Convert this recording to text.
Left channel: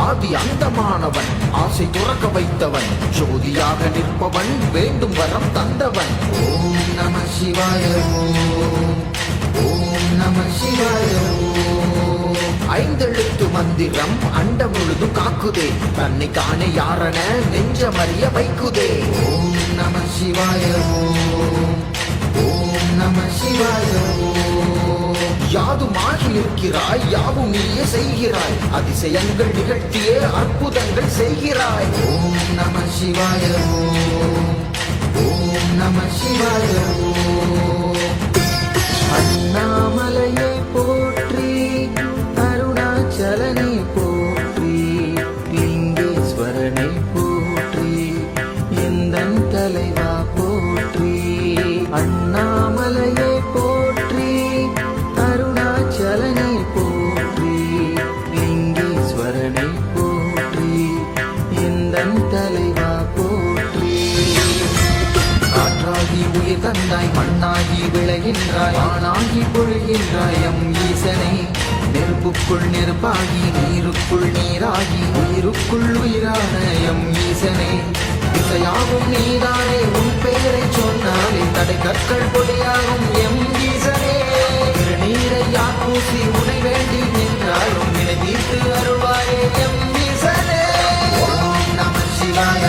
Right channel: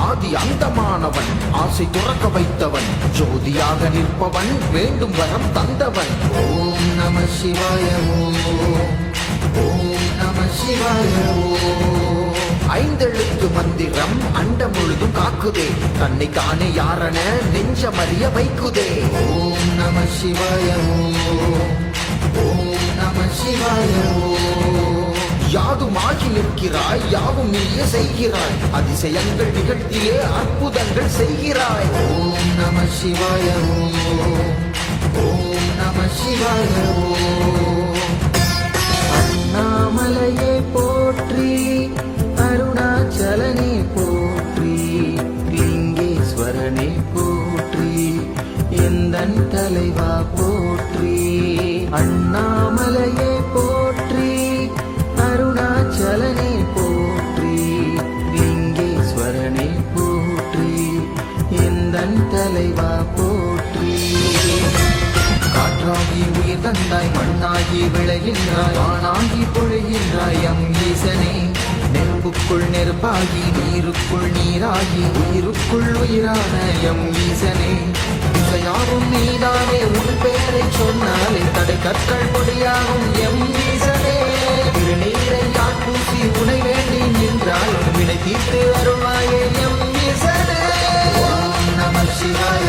ஆதி அந்தமானவன் ஆசை துறக்க வைத்தவன் ஜோதியாக நிற்பவன் வேண்டும் வரம் தந்தவன். ஓம் நம சிவாய ஓம் நம சிவாய ஐந்தெழுத்து மந்திரம் அண்ட முழுதும் காக்குதே தன்னை காணே யாரன நெஞ்சமறிய வைக்குதே. ஓம் நம சிவாய ஓம் நம சிவாய யாதுமாகி நிற்கிறாய் யாவும் நீயே செய்கிறாய் அதிசயங்கள் நிகழ்த்தியே அற்புதங்கள் செய்கிறாய். ஓம் நம சிவாய ஓம் நம சிவாய அண்ணாமலையை போற்றி அருணாச்சலனை போற்றி லிங்கேஸ்வரனை போற்றி எந்தன் தலைவா போற்றி. அண்ணாமலையை போற்றி அருணாச்சலனை போற்றி லிங்கேஸ்வரனை போற்றி எந்தன் தலைவா போற்றி. காற்றாகி உயிர் தந்தாய் மண்ணாகி விளைகின்றாய் ஆணாகி பொழிகின்றாய் எம் ஈசனே. நெருப்புக்குள் நெருப்பாகி நீருக்குள் நீராகி உயிருக்குள் உயிரான எம் ஈசனே. திசையாகும் நீதானே உன் பெயரை சொன்னாலே தடை கற்கள் பொடியாகும் எம் ஈசனே. திருநீரை யார் பூசி உனை வேண்டி நின்றாலும் வினை தீர்த்து அருள்வாயே எம் ஈசனே. ஓம் நம சிவாய